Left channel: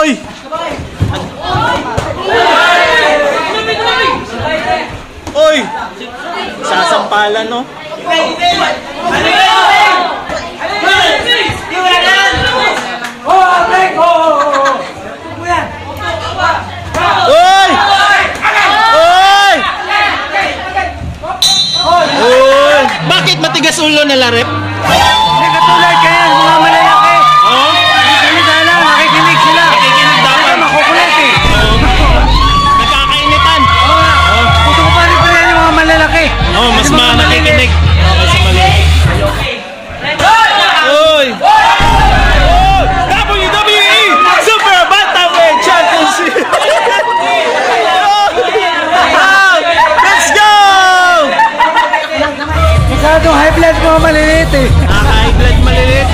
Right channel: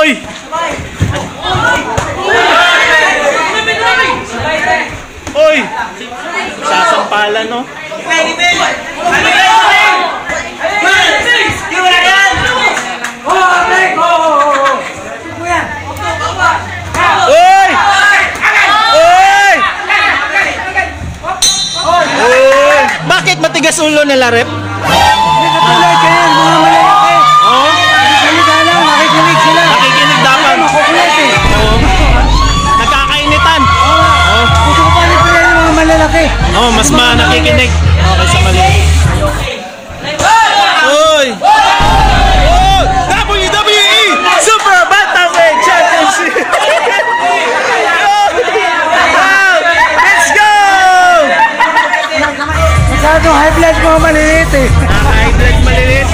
Oy! Oy! Sasampalan, no? Oy! Oy! Oy! Bakit matigas ulo nila, rep? Hindi katulad kayo, mga malalaki. Oo? Salita lang, nakikinig sila. Nakikinig dapat. Makukulit eh. Oo. Nagkakainitan. Oo. Gusto ko pa rin pala yung mga malalaki. Oo, mas nakikinig. Okay, sa maliit. Oy! Oh! WWE Super Bantamweight Championship! Wow! Let's go! Masyadong high blood mga maliliit eh. High blood maliliit.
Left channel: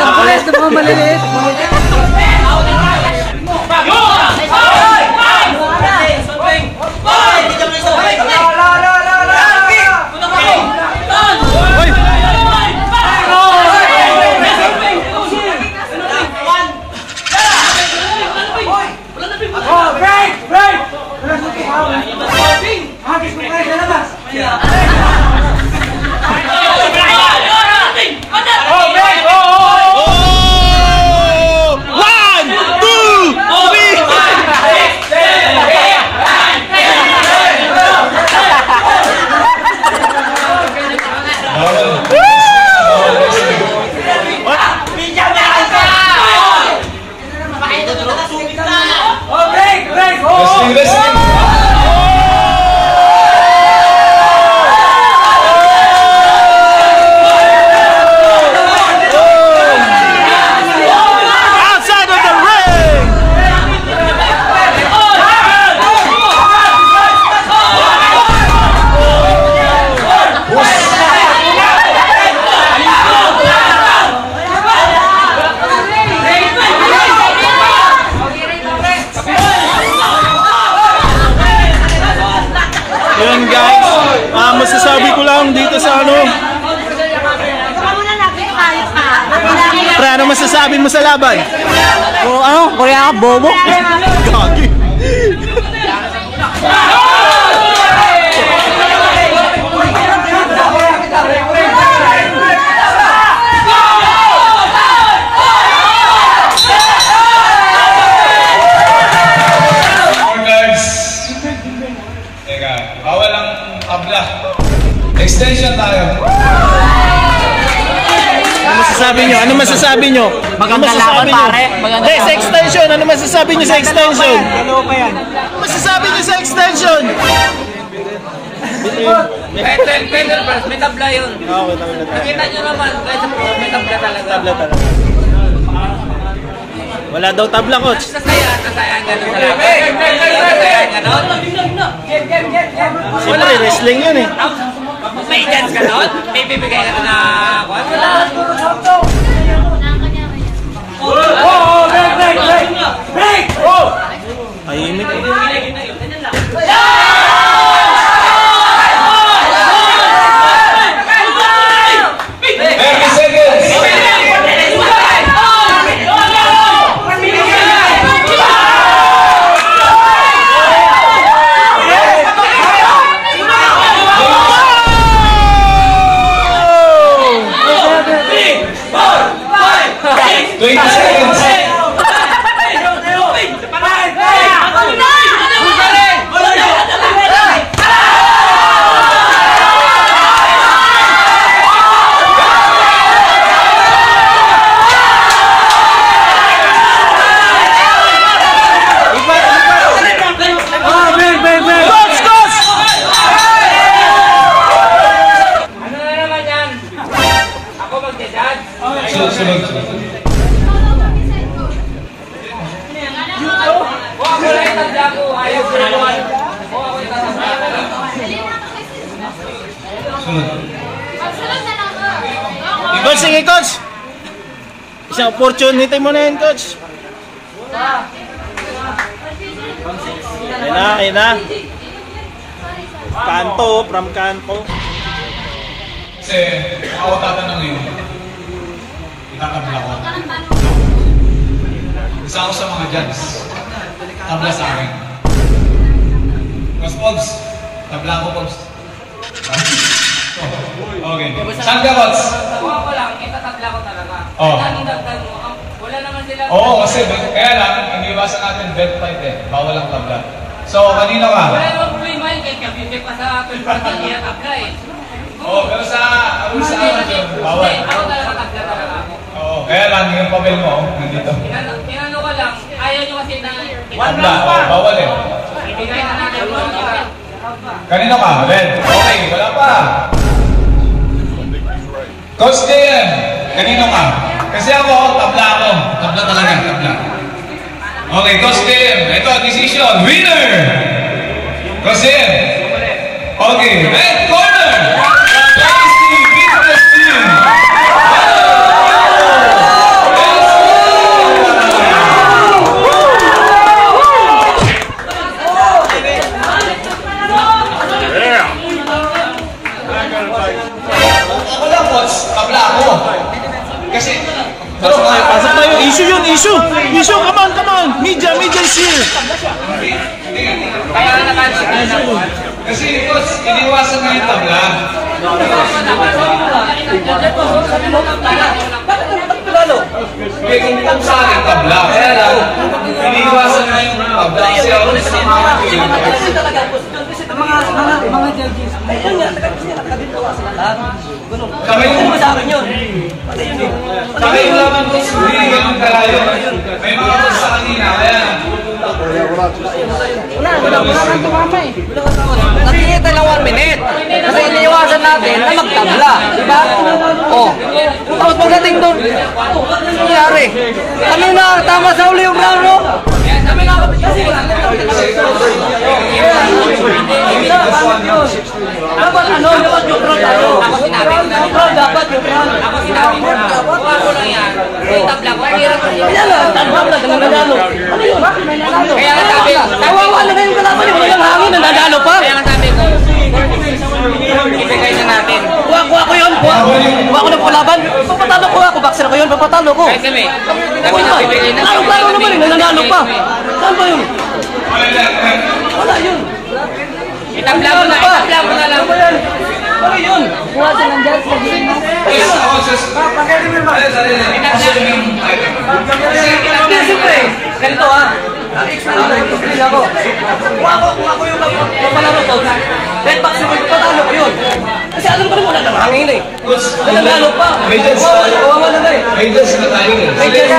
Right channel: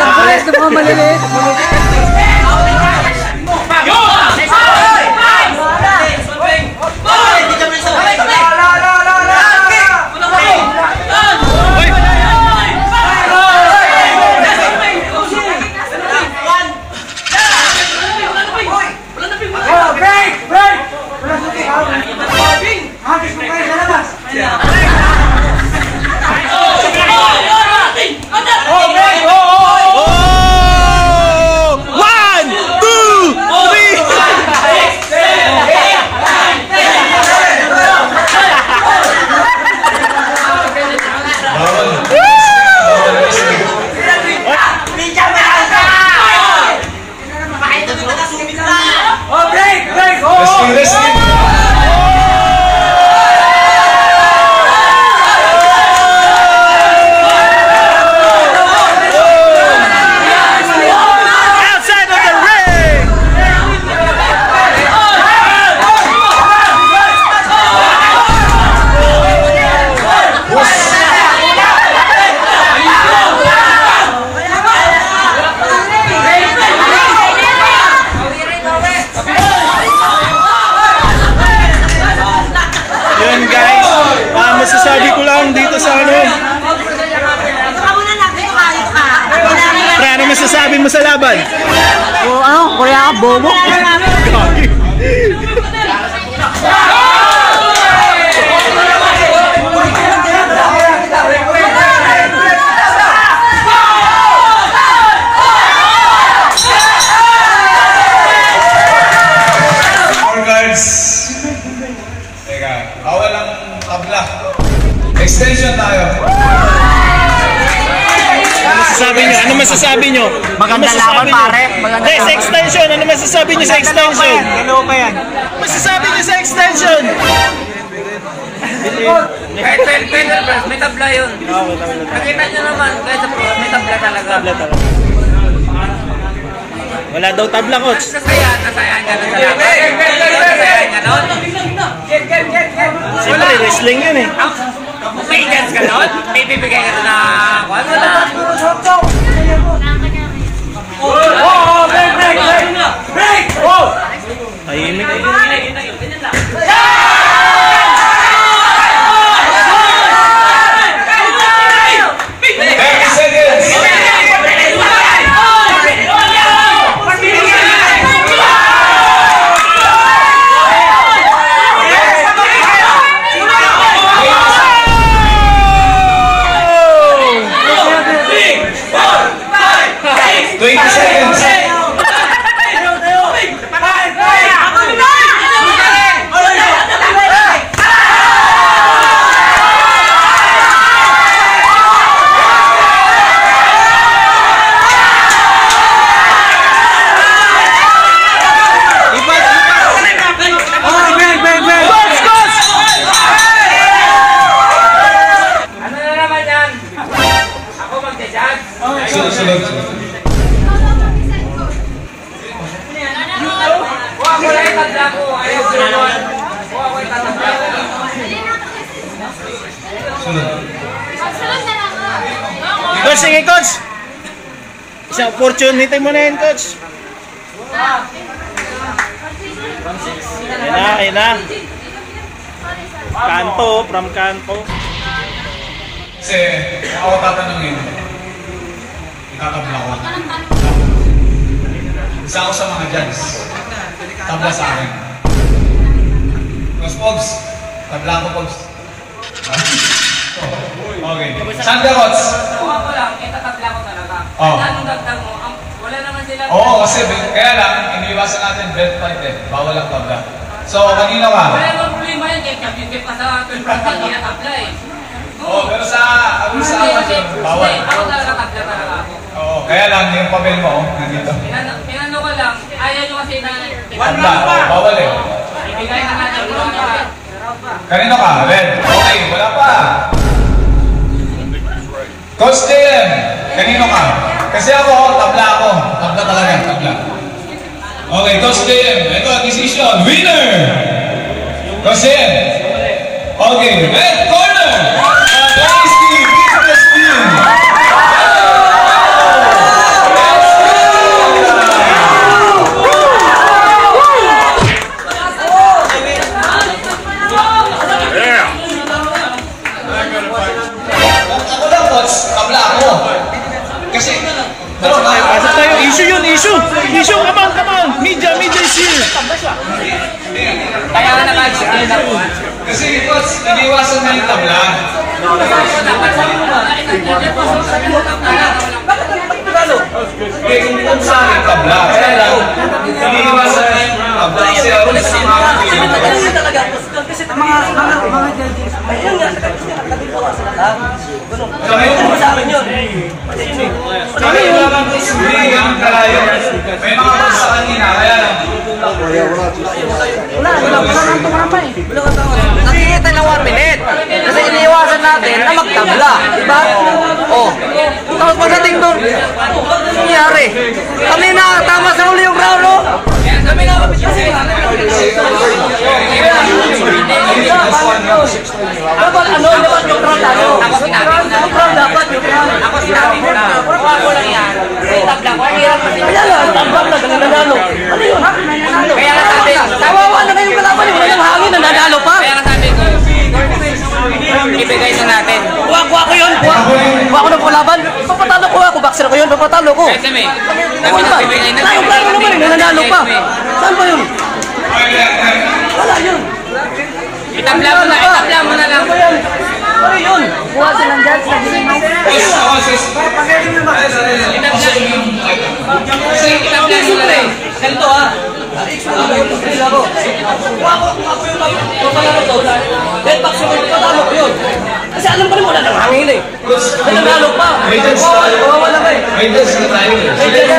Ang kulit ng mga maliliit. Yun guys, masasabi ko lang dito sa ano. Pre, ano masasabi mo sa laban? O ano, kaya ka bobo? Gagi. Bawal ang tabla. Extension tayo. Ano masasabi nyo? Ano masasabi nyo? Maganda laban pare. Hindi, sa extension. Ano masasabi nyo sa extension? Dalawa pa yan. Ano masasabi nyo sa extension? May tabla yun. Okay, tabla. Nakita nyo naman, kahit sa pro, may tabla talaga. Tabla talaga. Wala daw tabla, coach. Kasayan ka nun talaga. Kasayan ka nun. Siyempre, wrestling yun eh. May chance ka nun? May bibigay ka nun na kwan mo na. Tahimik eh. 30 seconds. Coach, sige coach. Isang opportunity mo na yun, coach. Ayun na. Kanto, from Kanto. Kasi ako tatanungin, itatabla ko. Isa ako sa mga judge. Tabla sa akin. Mas Pogs, tabla ako Pogs. Okay. Sandra Rots. Kuha ko lang, itatabla ko talaga. Oh. Anong dagdag mo? Wala naman sila. Oo, kasi kaya lang, iniiwasan natin belt fight eh. Bawal ang tabla. So, kanina ka? Wala naman problema yun, kahit kabibig pa sa 12 hindi natabla eh. Oo, pero sa amateur, bawal. Hindi, ako talaga tabla talaga ako. Oo, kaya lang, yung papel mo, nandito. Tinano ko lang, ayaw nyo kasi na Tabla, oo, bawal eh. ibigay na natin ko lang para. Kanino ka? Well, okay, wala pa. Coach JM, kanino ka? Kasi ako, tabla ako. Tabla talaga, tabla. Okay, Coach JM, ito, decision. Winner! Coach JM. Okay, red corner! Tasty Business Team! Ako lang, Coach, tabla ako. Kasi, Pasok tayo. Issue yun, issue. Issue, come on. Media issue. Kaya nga nakansya ako. kasi Coach, iniwasan nga yung tabla. Hindi, kung sa akin tabla. Kaya lang, iniwasan nga yung tabla. Kasi ako sa mga Mga judges. Ayun nga, nakagawa sila lahat. Kami Ano ba sa akin yun? Kami yung laman ko, hindi ganun kalayo. May mga rules sa kanina, kaya lang. Wala kang tumama eh. Nakikita lang 1 minute. Kasi iniiwasan natin na magtabla. Diba? Oh. Tapos pagdating doon, nangyari. Kami na tama sa uli yung brano. Bakit yun? Dapat dapat neutral tayo. Neutral dapat neutral. Ako sinabi ko na, kuha ko lang yan. Kaya tabla ko. Kaya lang, tabla, nanalo. Ano yun? Kaya nga sabi, Kawawa na kayong kalaban eh. Wala lang hangin, nanalo pa. kaya nga sabi ko, ibigay na natin. Kuha ko yun. Kuha ko ng pulaban. Papatalo ko ako. Boxer ko yun. Papatalo ko. Kasi may, Oo kami naman. nagbibigay na Ang plano naman eh. Nanalo pa. Saan pa yun? Wala yun. Itabla mo na, itabla mo na lang. Ano yan? Ano yun? Kuha silang judge. Hindi, siyempre. Ganito ah. Explain ako. Kuha ko yung papalaro ko. Kahit boxer ko, papatalo ko yun. Kasi alam ko naman wala nang hangin eh. Nanalo pa. Kawawa na ba eh. May just na tayo. May judge.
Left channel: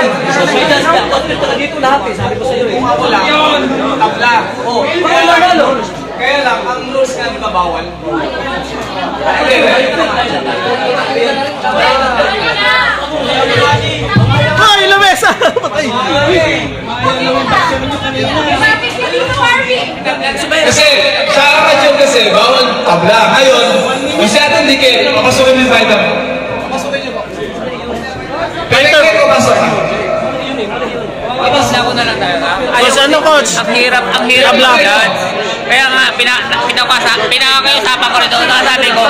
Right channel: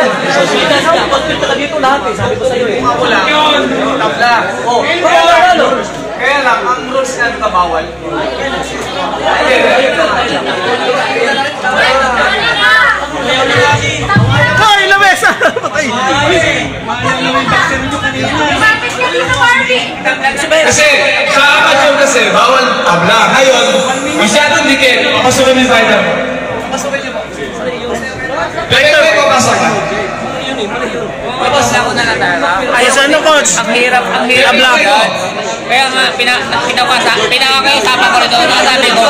May judge na. Hospital ka dito lahat eh. Sabi ko sa'yo eh. Wala. Yun, tabla. Oh, baka nanalo. Kaya lang, ang rules na bawal. Hoy, lamesa! Patay! Kasi, sa amateur kasi, bawal tabla. Ngayon, masyadong dikit, papasukin yung fighter. Fighter! Tapos na ako na natara. Ayos, ano, coach? Ang hirap Tabla. yan. Kaya nga, pinakakayo-usapan ko rin doon. Nakasabi ko,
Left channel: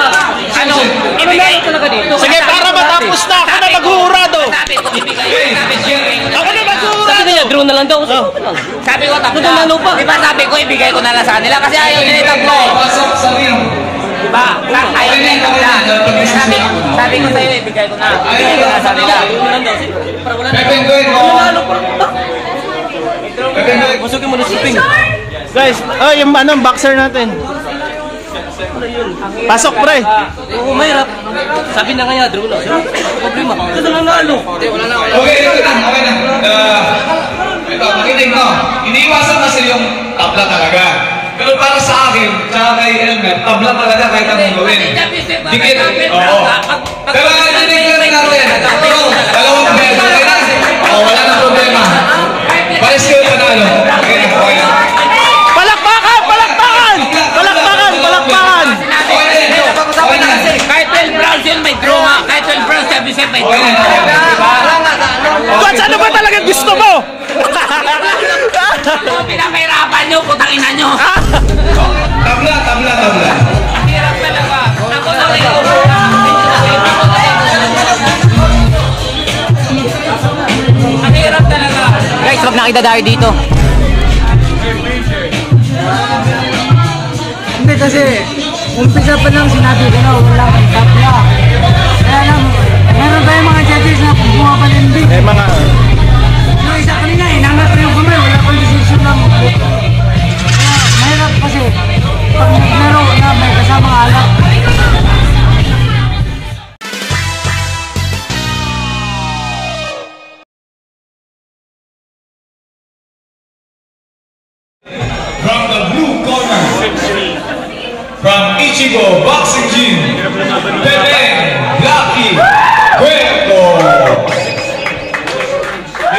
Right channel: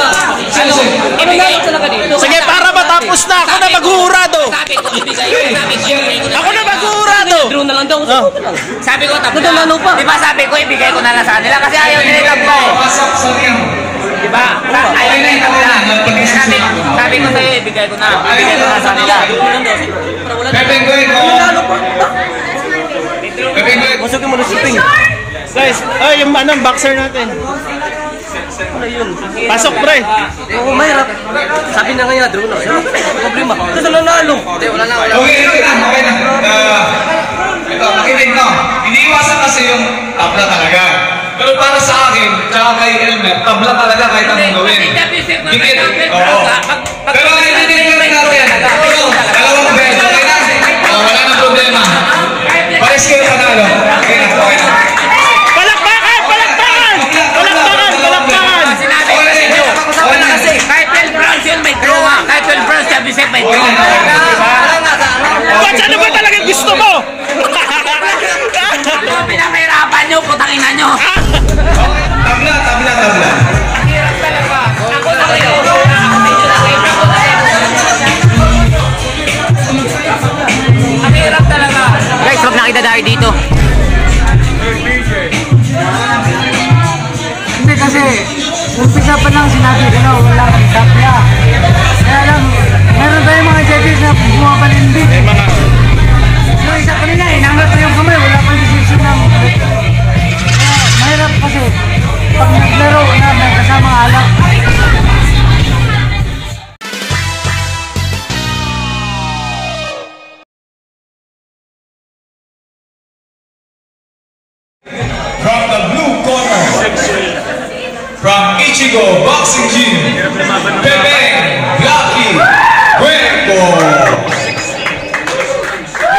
ano, ibigay ko talaga dito. Sige, para matapos na. Ako na maghurado. Sabi ko, ibigay ko na. Ako na maghurado. Draw na lang daw. Sabi ko, tabla. Nanalo pa. Di ba sabi ko, ibigay ko na lang sa kanila kasi ayaw nila itabla eh. Pasok sa ring. Diba? Ayaw nila itabla. Sabi ko sa'yo, ibigay ko na. Ibigay ko na sa kanila. Pepenggoy ko. Pepenggoy. Masukin mo na shipping. Guys, yung boxer natin. Pasok, pre. Oo, mahirap. Sabi na nga niya, draw na. Problema. Ano na naalo? Okay, okay na. Ito, makinig no. Iniiwasan kasi yung tabla talaga. Pero para sa akin, tsaka kay Elmer, tabla talaga kahit anong gawin. Dikit. Oo. Pero ang ininig natin, dalawang bed, okay na? Wala na problema. Pares kayo panalo. Okay na, okay na. Palakpakan! Kahit 12 rounds yun, may draw. Kahit 12 rounds, sabi sa'yo, may draw. Diba? Coach, ano ba talaga gusto mo? Ako pinamahirapan nyo, putang ina nyo. Tabla. Ang hirap talaga. Ako nakiusap na ako sa inyo Ang hirap talaga. Guys, huwag na idadari dito. Hindi kasi, umpisa pa lang sinabi ko na walang tapla. Kaya lang, meron tayong mga judges na bumapalindig. May mga... Yung isa kanina, inangat ko yung kamay, wala pang decision ng... Kaya mahirap kasi, pag naglaro na may kasamang alak. From the blue corner, from Ichigo Boxing Gym, Pepe Blacky Cuervo.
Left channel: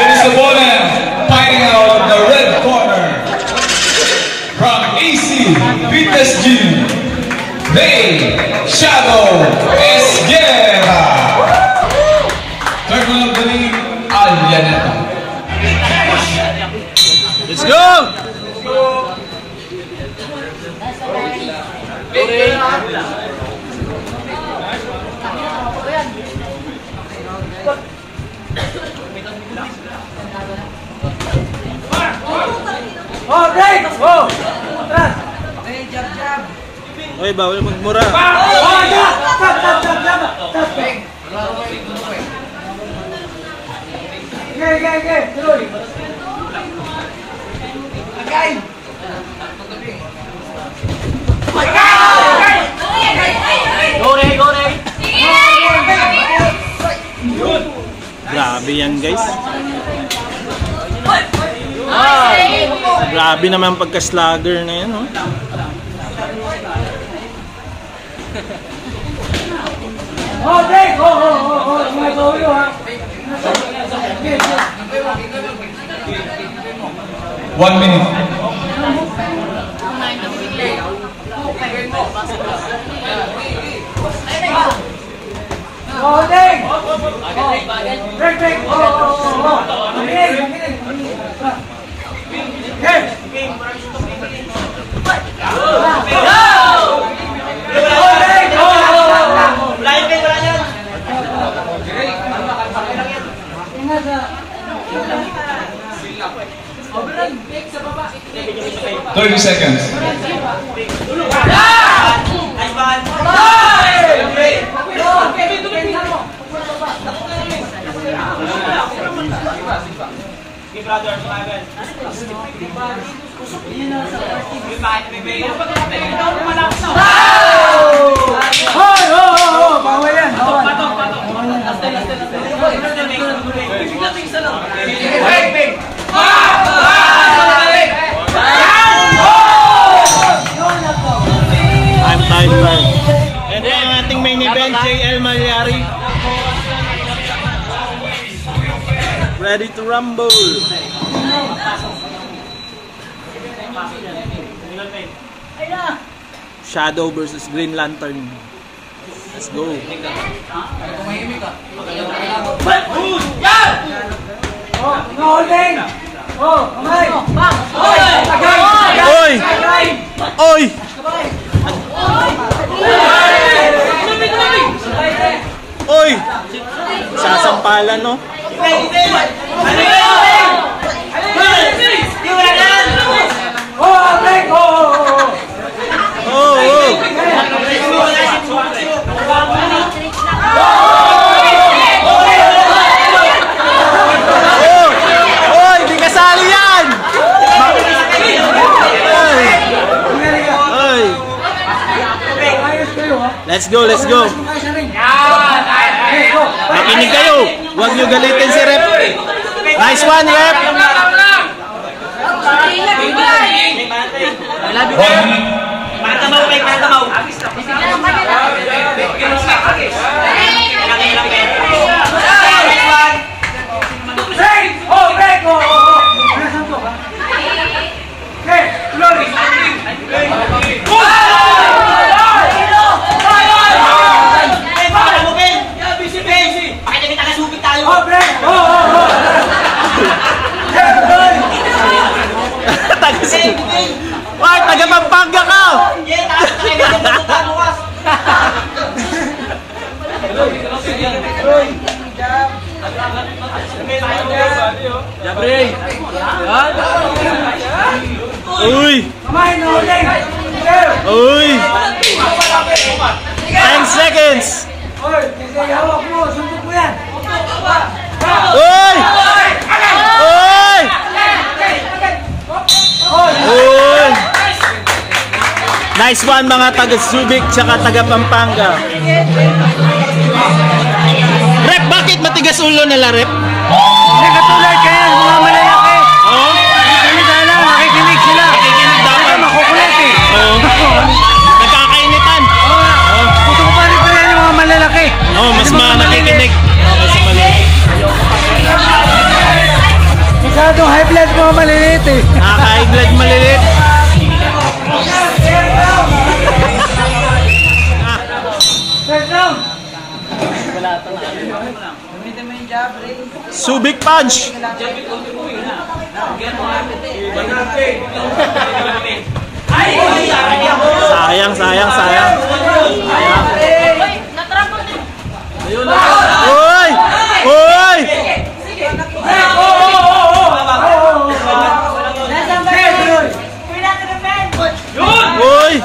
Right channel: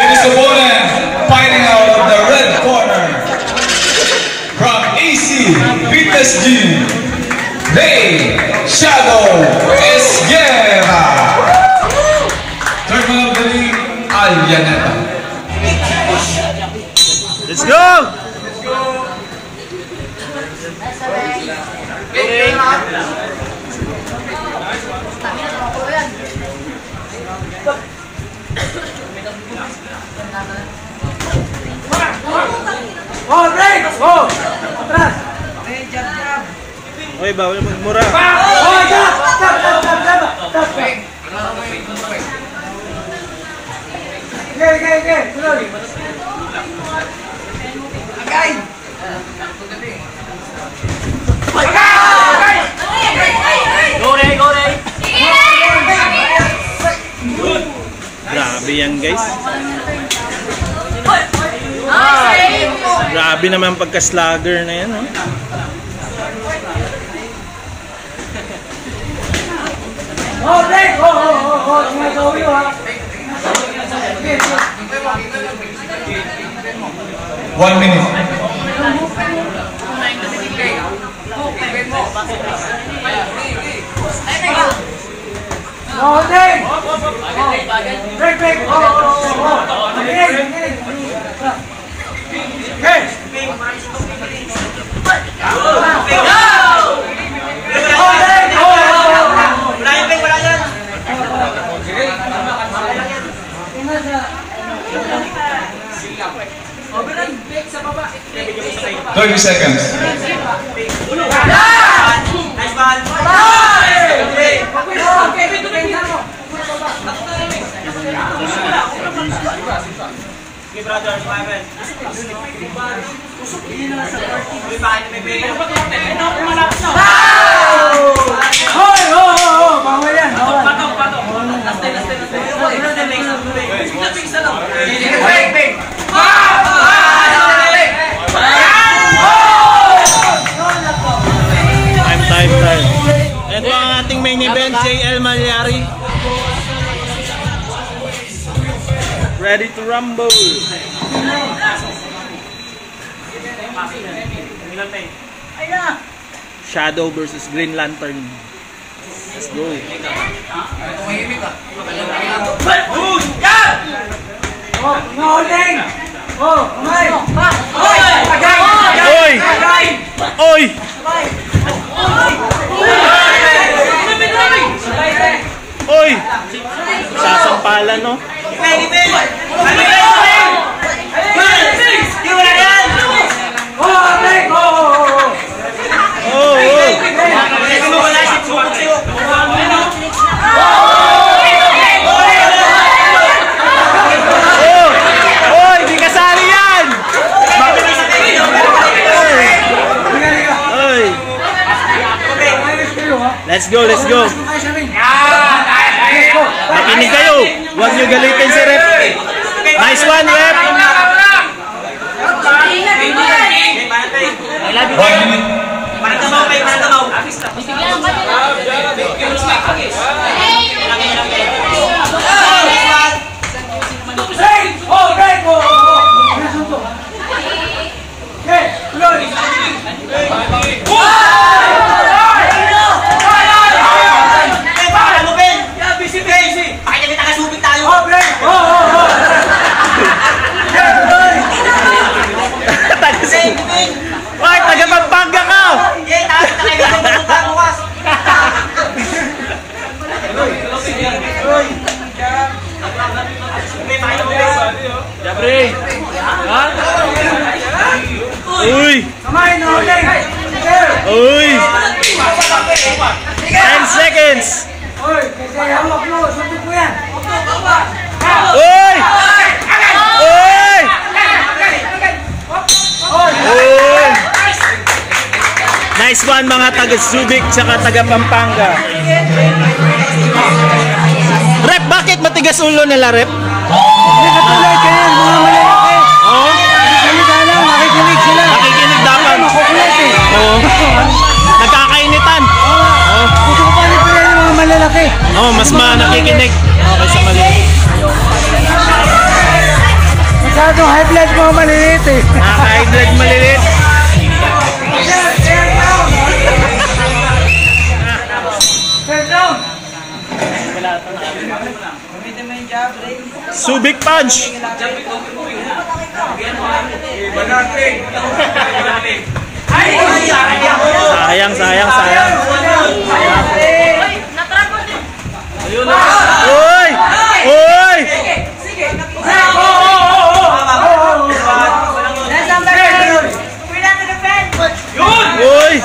His opponent fighting out of the red corner, from AC Fitness Gym, May Shadow Esguerra. Third one of the league, Alyaneta. Let's go! Oy, bawal magmura. Okay, tuloy. Grabe yan, guys. Grabe naman pagka-slugger na yan, oh. Oh, break! May gawin ha. 1 minute. Holding! Break! Okay! Wala yan! 30 seconds. Nice ball! Brother, bawal yan, bawal. Time. Ito ang ating main event, JL Malyari. Ready to rumble. Shadow versus Green Lantern. Let's go. Holding! Kamay! Oy! Oy! Sasampalan, no? Oy! Di kasali yan! Oy! Let's go! Makinig kayo! Huwag nyo galitin si Rep! Nice one, Rep! Jabri! Ha? Uy! Kamay na ulit! Uy! 10 seconds! Oy, kasi hawak mo, suntok mo yan! Uy! Uy! Uy! Nice one mga taga Subic tsaka taga Pampanga. Rep, bakit matigas ulo nila, Rep? Hindi katulad kayo, mga malalaki! Oo. Salita lang, nakikinig sila! Nakikinig dapat. Makukulit eh! Oo. Nagkakainitan. Oo. Gusto ko pa rin pala yung mga malalaki! Oo, mas nakikinig. Okay sa maliit. Masyadong high blood mga maliliit eh! Nakaka-high blood maliliit. First round! Subic punch. Sayang. Uy! Uy! Uy!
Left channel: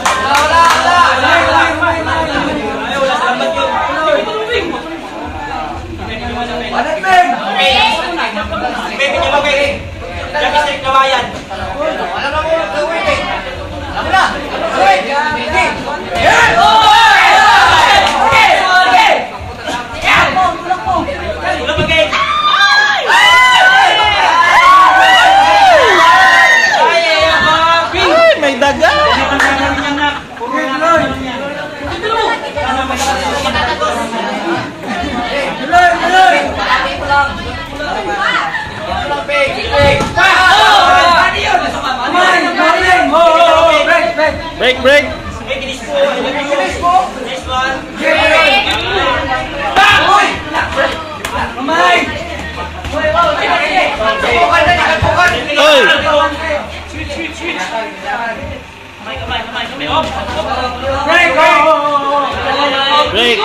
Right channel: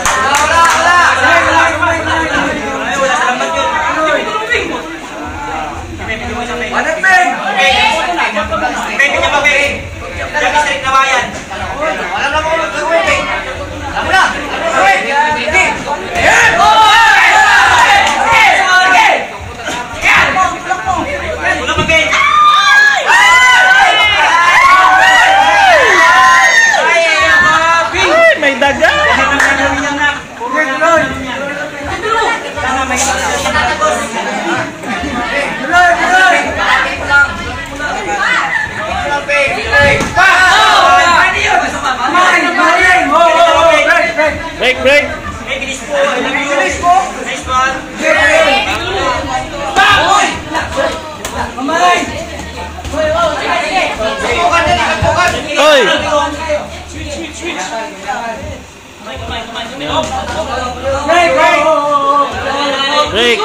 Ay, may daga. Break. Oy. Break.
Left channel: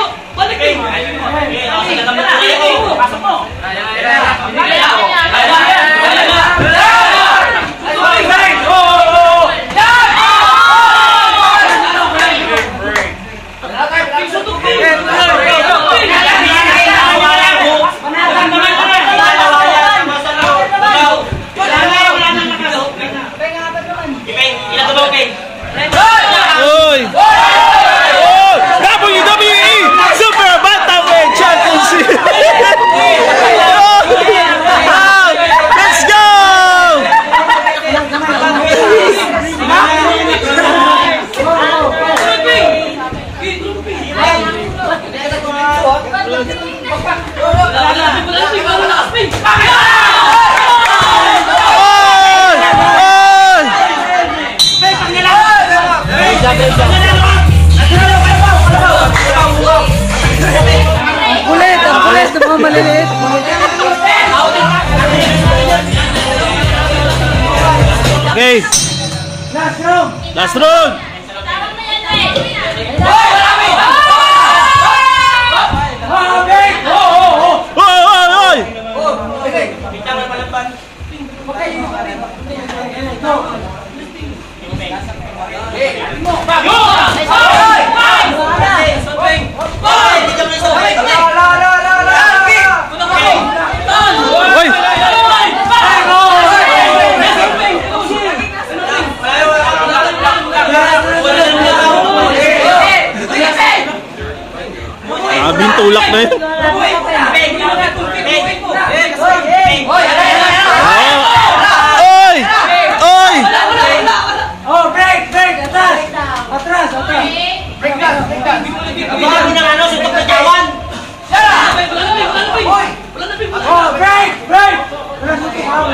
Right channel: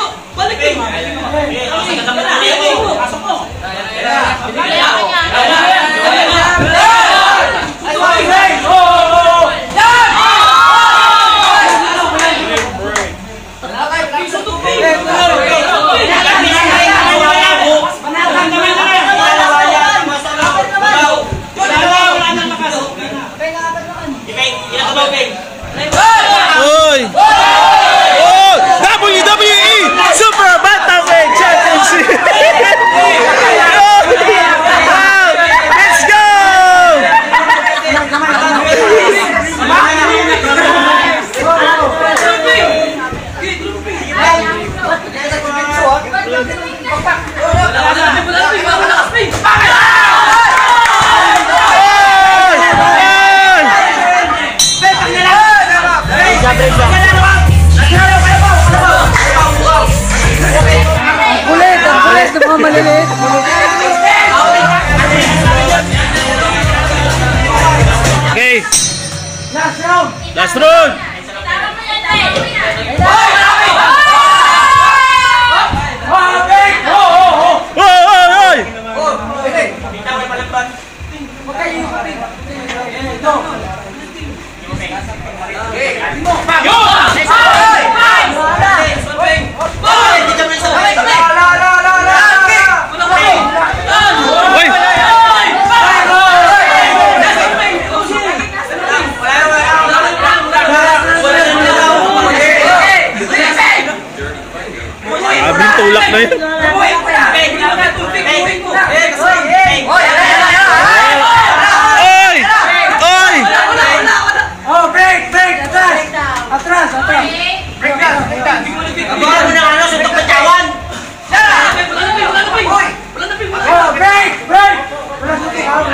Oy! Oh! WWE Super Bantamweight Championship! Wow! Let's go! Ang kulit ng mga maliliit! Okay, Last round! last round! Oy! Oy! Abing tulak na yun. Oy! Oy! Oh, break! Atras! Oh, break! Wala sutok ha!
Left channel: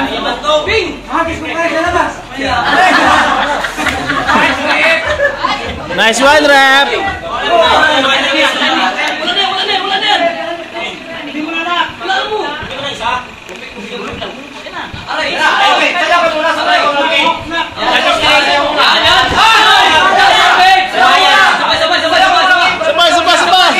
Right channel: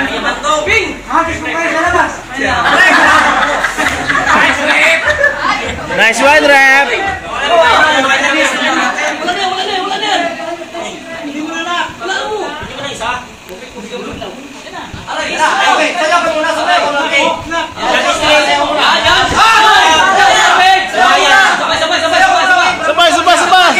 Hagis mo kayo sa labas! Nice one, Rep! Sabay!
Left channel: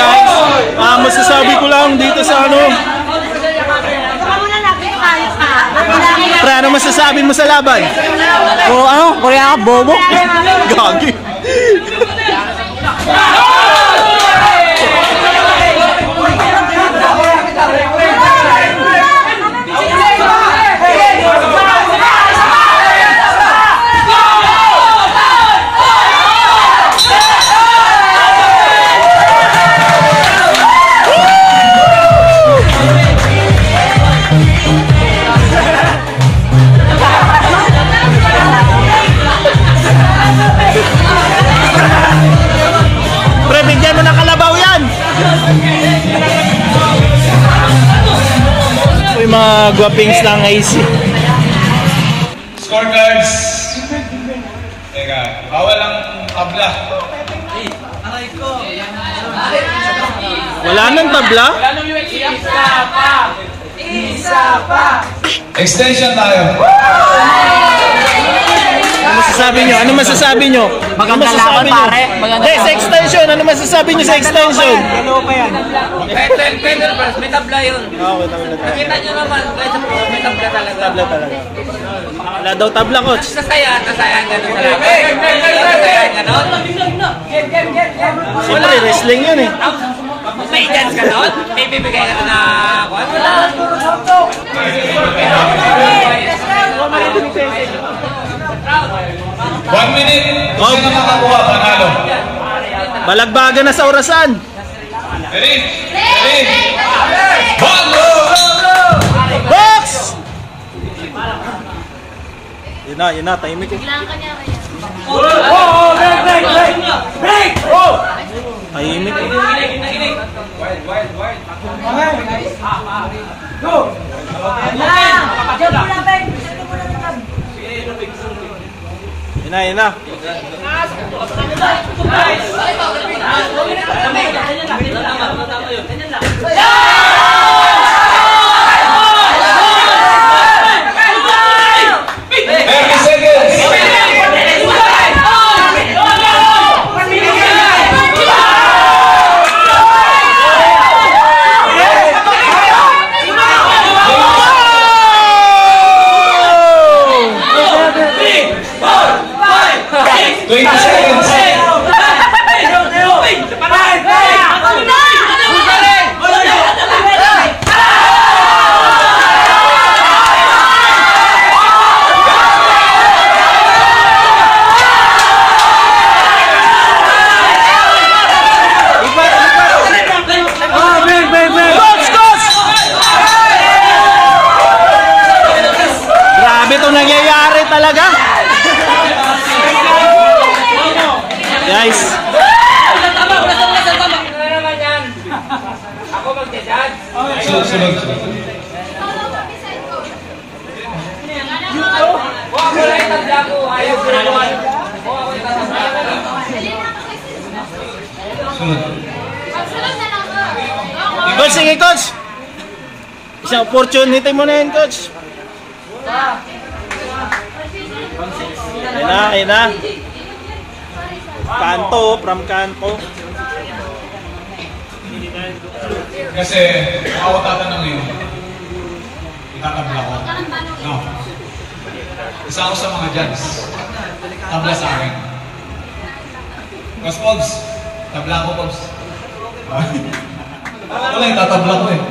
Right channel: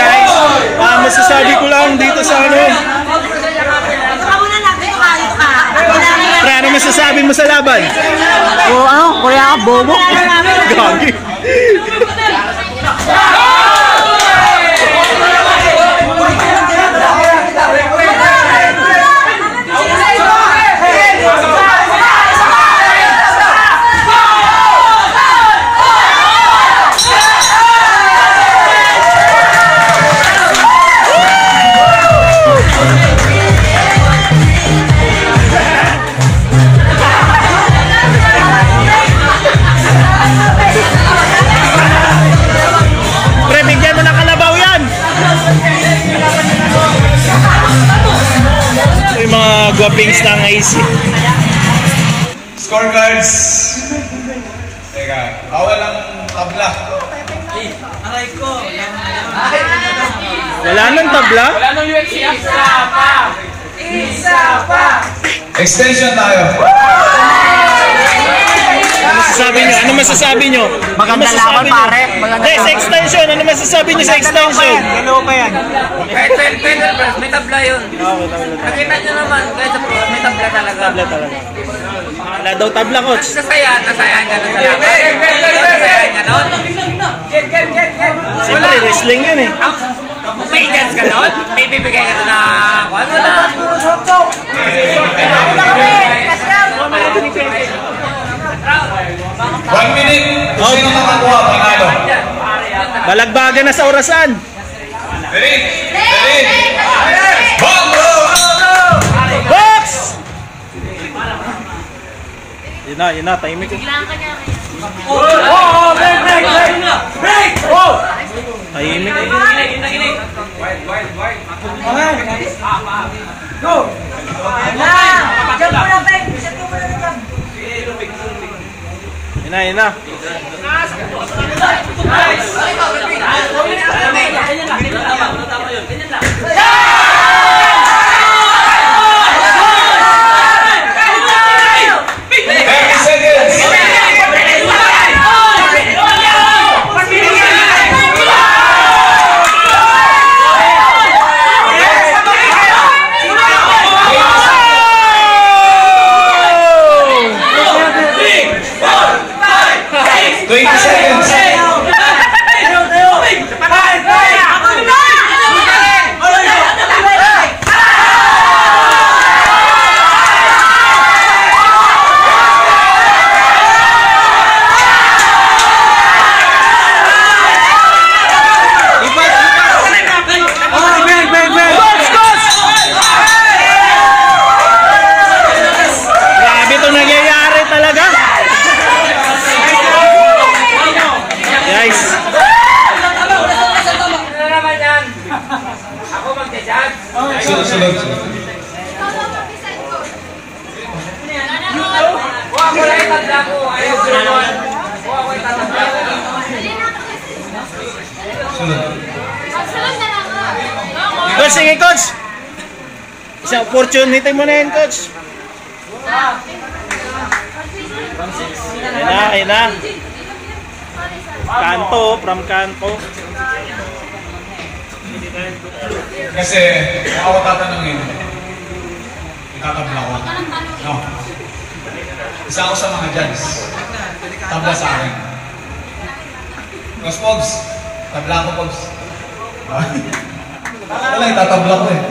guys. Masasabi ko lang dito sa ano. Pre, ano masasabi mo sa laban? O ano, kaya ka bobo. Gagi. Pre, bigyan mo ng kalabaw yan. Yung mga guwapings lang guys. Scorecards. Teka, bawal ang tabla. Wala nang tabla? Extension tayo. Ano masasabi nyo? Ano masasabi nyo? Maganda laban, pare. Maganda Hindi, sa extension. Ano masasabi nyo sa extension? Hello pa yan. May tabla yun. Oo, tabla talaga. Nakita nyo naman, kahit sa pro, may tabla talaga. Tabla talaga. Wala daw tabla, coach. Nasayahan ka nun sa laban. Nasayahan ka nun. Siyempre, wrestling yun eh. May chance ka nun? May bibigay ka nun na... Wala. One minute. Kung sino makakuha, panalo. Balagbaga na sa orasan. Ready? Ready? Box! Yun na, tahimik ko. Tahimik ko. Yun na. Talaga? Guys. Ako mag-judge. Sunod. Kuha ko lang itatla ko. Ayaw ko naman. Kuha ko itatla ko. Coach, sige coach. Isang opportunity mo na yun, coach. Ayun na. Kanto, from kanto. Kasi, ako tatanungin. Itatabla ko. No. Isa ako sa mga judge. Tabla sa akin. Mas Pogs. Tabla ako, Pogs. Wala, itatabla ko eh.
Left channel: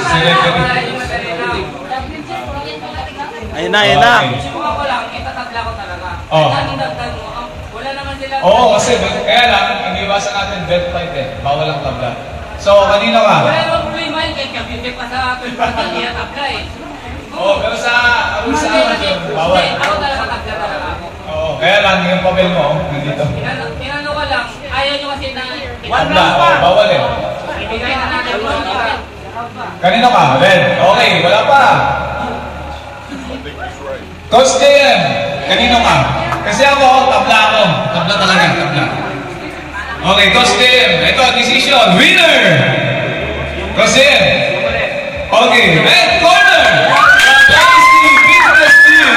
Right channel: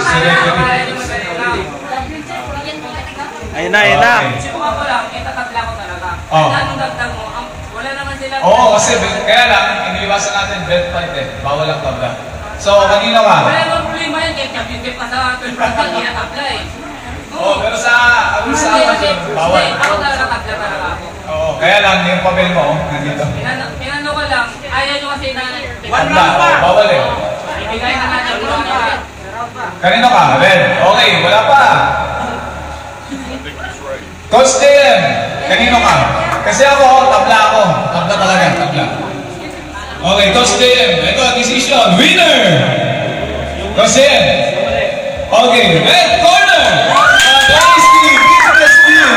Si referee. Ayun na. Subukan ko lang, itatatla ko talaga. Oh. Anong dagdag mo? Wala naman sila. Oo, kasi kaya lang, iniiwasan natin bet fight eh. Bawal ang tabla. So, kanina ka? Wala naman problema yun, kahit kabibig pa sa 12 niya tabla eh. Oo, pero sa akin, bawal. Ako talaga tabla talaga ako. Oo, kaya lang, yung papel mo, nandito. Tinano ko lang, ayaw nyo kasi na Tabla, oo, bawal eh. ibigay na natin ko lang nila. Kanino ka? Ben, okay, wala pa. Coach JM, kanino ka? Kasi ako, tabla ako. Tabla talaga, tabla. Okay, Coach JM, ito, decision, winner! Coach JM. Okay, red corner! Tasty Business Team!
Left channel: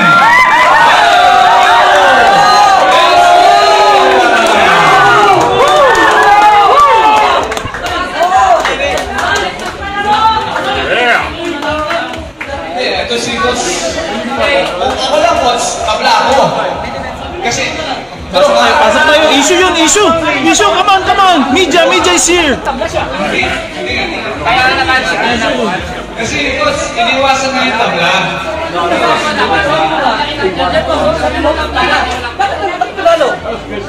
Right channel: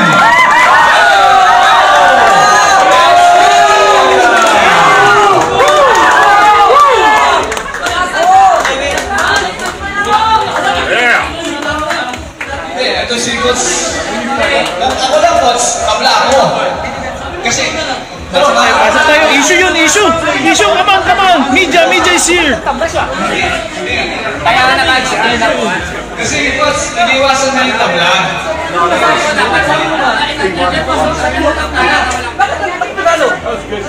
Pasok tayo. Issue yun, issue. Issue, come on. Media is here. Tabla siya. Kaya nga nakasya. Kasi ito, iniwasan nga yung tabla. Bakit nalo?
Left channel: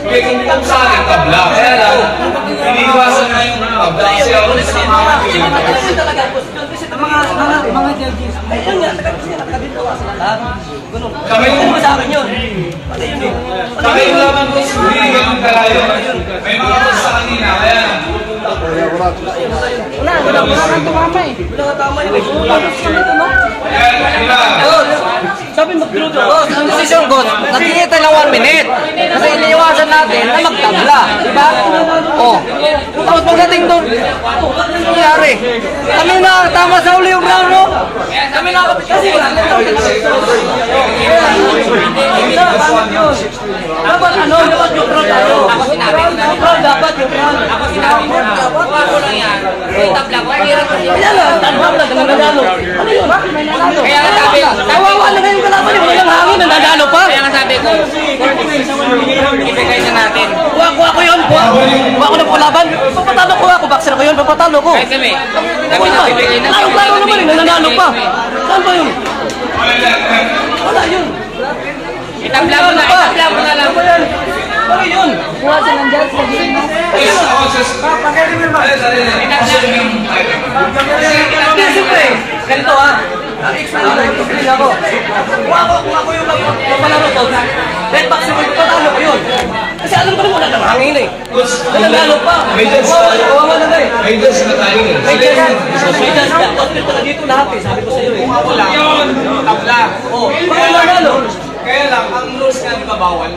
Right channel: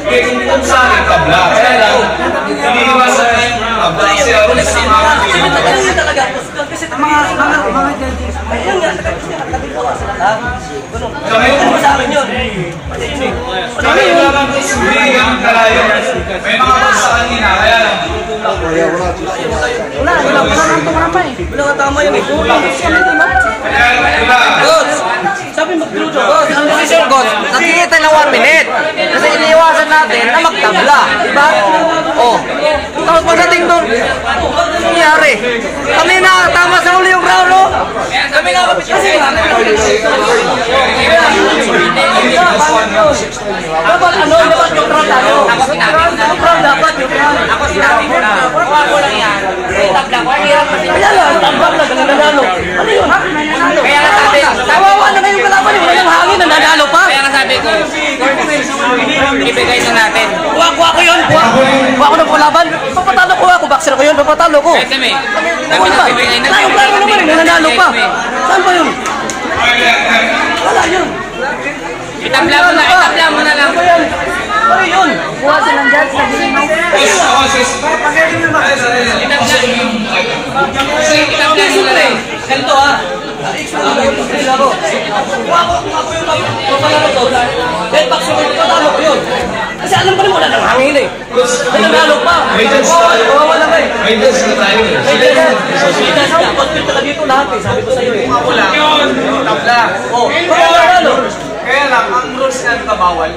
Kaya kung sa akin, tabla. Kaya lang, iniwasan nga yung tabla. Kasi ako sa mga Mga judges. ayun nga, nagagawa sila lahat. Ano ba sa akin yun? Pati yun eh. Sabi ko naman ko, hindi ganun kalayo. May mga rules sa kanina, kaya lang. Wala mga tama eh. Wala nga tama yun eh. Kaya, diba? Sabi mag-luto. Boss, ang desisyon ko, natingin tayo ng 1 minute. Kasi iniiwasan natin na magtabla. Diba? Oh. Tapos pagdating doon, nangyari. Kami na tama sa uli yung round, no? Kami nga kasi bakit yun? Dapat neutral tayo. Neutral dapat neutral. Ako sinabi ko na. Kuha ko lang yan. May tabla ko. Kaya lang, tabla ka nanalo. Ano yun? Kaya nga sabi. Kawawa na ngayong kalaban eh. Wala nang hangin, nanalo pa. Kaya nga sabi ko. Ibigay na natin. Kuha ko yun. Kuha ko ng pulaban. Papatalo ko ako. Boxer ko yun. Papatalo ko. Kasi may. Kami na bibigay na. Ayun lang naman eh. Nanalo pa. Saan ba yun? Wala yun. Itabla mo na. Itabla mo na lang. Ano yun? Buha silang judge sa game. Hindi, siyempre. Ganito explain ako. Kung ako yung papalaro ko, red box yung papatalo ko yun. Kasi alam ko naman wala nang hangin eh. Nanalo pa. Kawawa na ba eh. May judge na tayo eh. May judge. Hospital ka dito lahat eh. Sabi ko sa'yo eh. Wala yun. Tabla. Oh, baka nanalo. Kaya lang, ang rules na kabawal.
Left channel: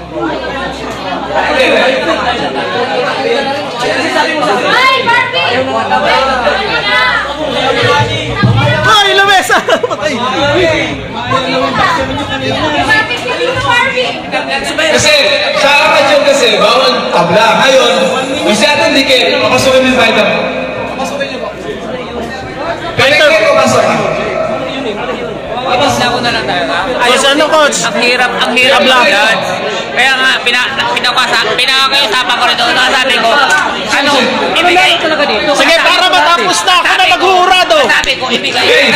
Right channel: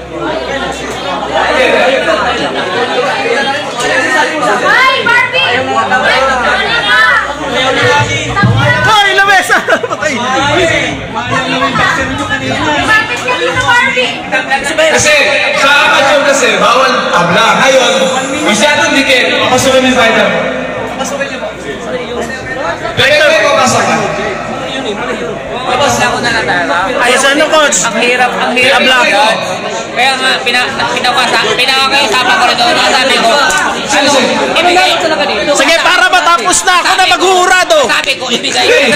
Ay, lamesa! Patay! Kasi sa apat yun kasi, bawal tabla. Ngayon, masyadong dikit, papasukin yung fighter. Fighter ko papasukin. Tapos na ko na lang. Ayos, ano, coach? Ang hirap Tabla. yan. Kaya nga, pinakakausapan ko rin doon. Sabi ko, ano, ibigay ko talaga dito. Sige, para matapos na. Ako na maghurado. Sabi ko, ibigay ko na.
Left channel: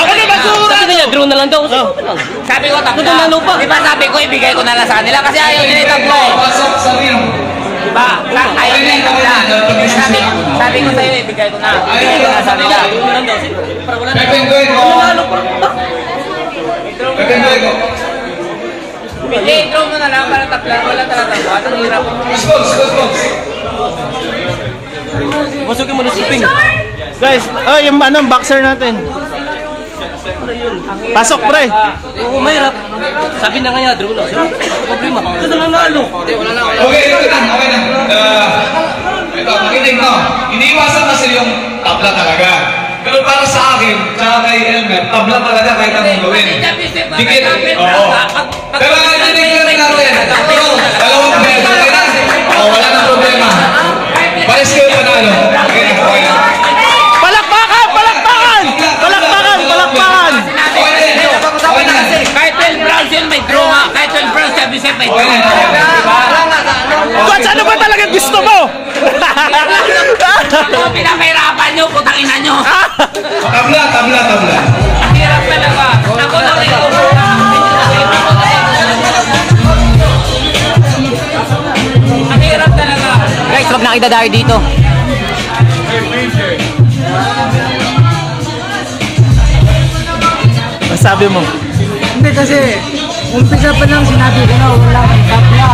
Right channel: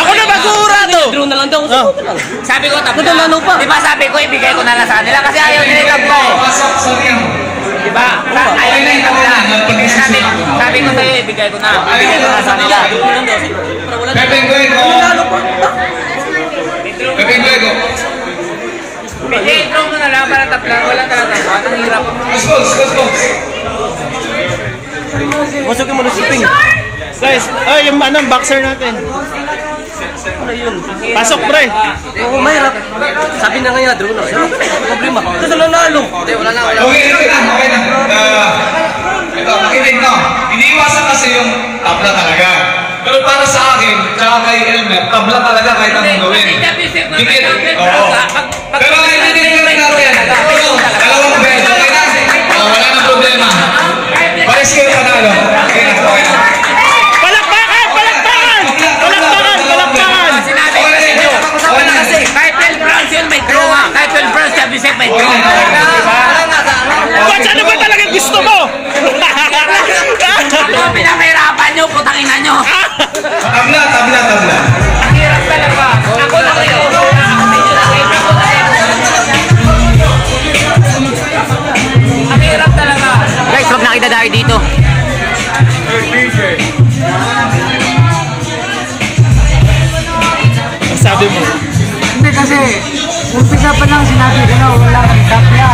Ako na maghurado. Draw na lang daw. Sabi ko, tabla. Nanalo pa. Di ba sabi ko, ibigay ko na lang sa kanila kasi ayaw nila yung tabla eh. Pasok sa niyo. Diba? Ayaw nila yung tabla. Sabi ko, ibigay ko na. Ibigay ko na sa kanila. Pepenggoy ko. Pepenggoy ko. Hindi, draw mo na lang para tabla. Wala talaga. Ang hirap. Goals. Masukin mo na si Ping. Guys, yung boxer natin. Pasok, pre. Oo, mahirap. Sabi na nga niya, draw na. Pero, problema. Ito lang naalo. Okay na. Ito, makinig no. Iniiwasan kasi yung tabla talaga. Pero para sa akin, tsaka kay Elmer, tabla talaga kahit anong gawin. Dikit. Oo. Pero naninig na natin. Dalawang bed, okay na? Wala na problema. Pares kayo panalo. Okay na. Palakpakan! Kahit 12 rounds yun, may draw. Kahit 12 rounds, sabi sa'yo, may draw. Diba? Coach, ano ba talaga gusto mo? Ano pinamahirapan nyo, putang ina nyo. Tabla. Ang hirap talaga. Ako lang rin ako. Ang hirap talaga. Guys, huwag na idadayo dito. Sabi mo. Hindi kasi, umpisa pa lang sinabi ko na walang tabla.